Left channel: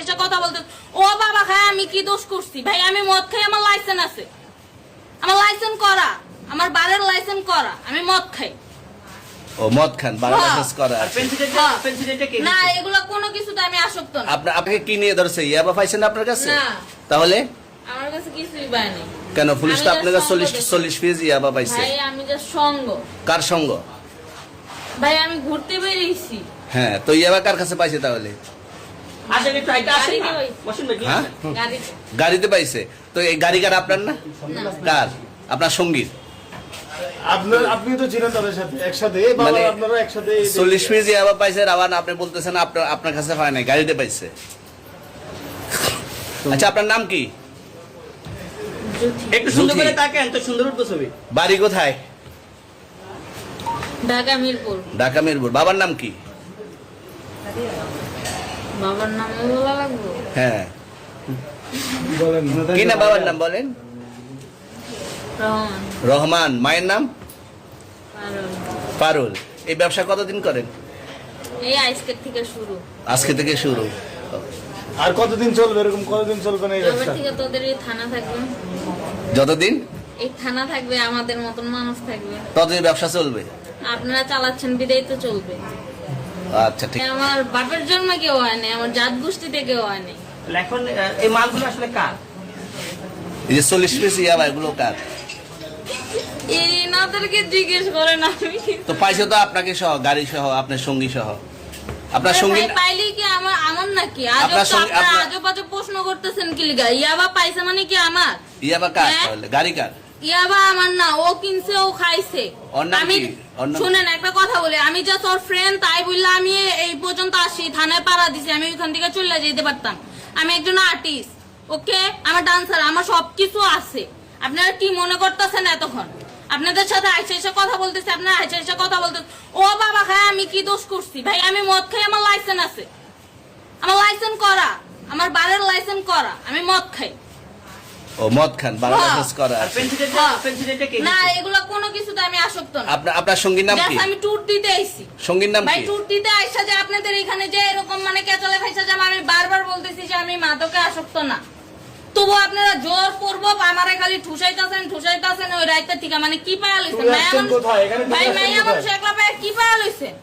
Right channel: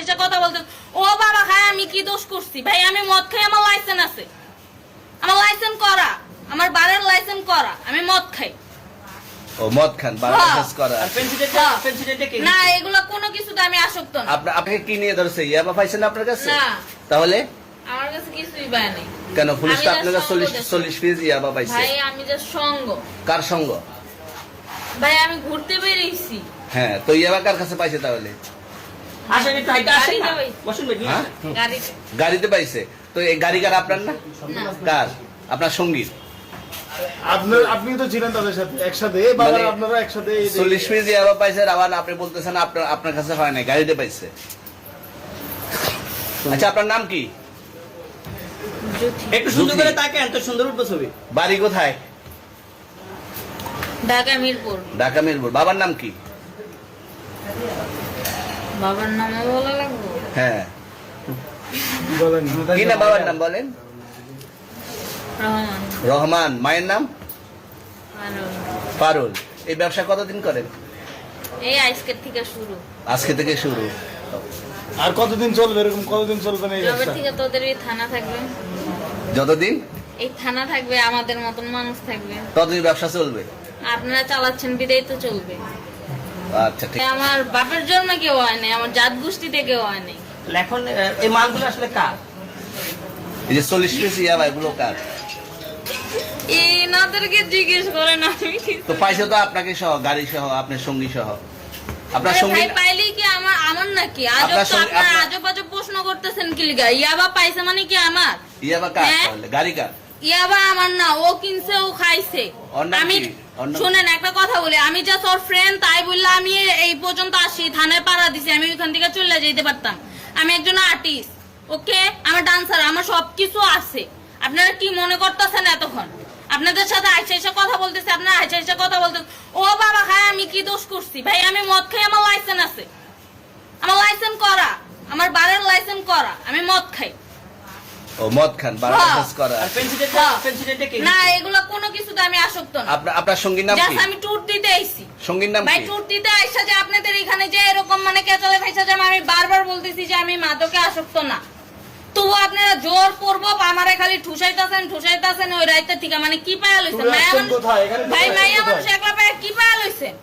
এসে কথা বলতেন। ও বাবা খায়, আমি কি দোষ করছি ভাই? আমি মদ খাই, আমার লাইসেন্স আছে, আমার লাইসেন্স করা, আমার বারের লাইসেন্স করা, আমি মদ খাই। ও মদ খান, বারের লাইসেন্স করা। আর পেন্সিলটা কে না, দিচ্ছে? এগুলো কোনো কিছুতে আমি আসক্ত না। আপনাকে কি নিয়ে ধরছে? ইয়াবা পাইছেন আপনার কাছে? না, তাহলে আমার কাছে কিছুই পায় নাই। কেন পুলিশ তো আমি আপনার কাছে just সঙ্গ 40 পিস ইয়াবা পাইছে? ভাই আমি যে সঙ্গ, কার সঙ্গ? ভাই আমি ঘুরতে বেরিয়েছি। হ্যাঁ, তো ইয়াবা কার কাছে পাইছে তাহলে? আসেন একটু হাইটা আসেন না। গাড়ি বসুন ভাই, নিয়ে হ্যাঁ? আসেন। গাড়িতে গাড়িতে পাইছে। তো এই গাড়ি কার, আপনার না? কার? আপনার সঙ্গী? আপনি তো ছিলেন তাদের সাথে একসাথে, বাবা মানে আপনারা একসাথে 40 পিস ইয়াবা পাইছে, আবার আপনি বলতেছেন আপনার কাছে হয় না, গাড়িতে পাইছে। আচ্ছা, আপনার নাম কি? জ্যোতি। একটু সুন্দর জ্যোতি। করে তাকেন, তো সুন্দর উঠবো ছবি। বাড়ি কোথায়? ঢাকা মিরপুর। ঢাকা মিরপুর। বাবার নাম কি? বাবার নাম বলা লাগবে? হ্যাঁ, বলেন কি না বাবার নাম বলেন? রহমান। রহমান। মায়ের নাম? পারুল। পারুল। এই ব্যবসা কতদিন করেন? এই আজকের থেকে শুরু। আজকে থেকে শুরু। আর কতদিন চলবে, এরকম কতদিন চলবে না এই এবার ব্যবসা? থেকে তোদের এই থানা থাকবে, যতদিন এই থানা থাকবে, আমাদের মতন মানুষ থাকবে। ততদিন ব্যবসা চলবে। আপনারা চালাচ্ছেন বিদায় তো চলবে। আচ্ছা, ঠিক। আমার বাপের জন্মে কেউ হয় নাই, আমার জাত গোষ্ঠীতে কেউ হয় নাই। এখন এই মালগুলো আসলে কার? এই যে 40 পিস ইয়াবা, এগুলো কার? এনাদেরকে জিজ্ঞেস করেন, আমি কি- তো পাইছে তো আপনাকে সহ, গাড়ি সহ, আপনার সঙ্গী সহ। আপনার আরে সঙ্গী ভাই, পাইলেই কি আমার নাকি? আজব আপনার তো সঙ্গে- আপনারা আপনার- আজব আজব প্রশ্ন করতেছেন কি লিগা? ইয়াবা পাইছে মানে কি আমার? ইয়াবা কার হ্যাঁ? তাহলে? গাড়ি কার? ইয়াবা আমার না, ও কিনছে, ও খাইছে। ওর নাম আমি কি? ওর নাম- শুনেন একটা কথা বলি, আমি জাস্ট ওর ফ্রেন্ড, তাই বললে আমি এই পর্যন্ত আসি, থানায় পাড়া দিছি, আমি ওইখান থেকে চলে যেতে পারতাম। আমি একজন আর্টিস্ট, ওকে, আমার ডান্সার, আমার সবকিছু আছে। আপনারা কি মনে করতেছেন এতক্ষণ? আপনাদের সাথে আইসা এসে কথা বলতেছে, আপনারা আইসা এসে কথা বলতেছে। ও বাবা খায়, আমি কি দোষ করছি ভাই? আমি মদ খাই, আমার লাইসেন্স আছে, আমার লাইসেন্স করা, আমার বারের লাইসেন্স করা, আমি মদ খাই। ও মদ খান, বারের হ্যাঁ। লাইসেন্স করা। আর পেন্সিলটা কে না, দিচ্ছে? এগুলো কোনো কিছুতে আমি আসক্ত না। আপনার সঙ্গীর নাম কি? Just আমি ট্যুর দিতে আইছি সঙ্গীর নাম ভাই, কি? ট্যুর দিতে আইসা যে আপনাদের এখানে যে এরকম মানে কেচালে খাইসা যে আমি বারবার বলতেছি যে আমি মাদকে আসক্ত না, তবু আপনারা জোর করবো আমারে খালি ঠুসাইতাছেন ওই রাইতে ঠিক মানে কি পায়া লইছেন? তুমি আসছেন কোথায়? এখানে ভাই তুমি মাইয়া আসছেন মানুষ কোথায়? একলা পায়া কি পায়া লইছেন?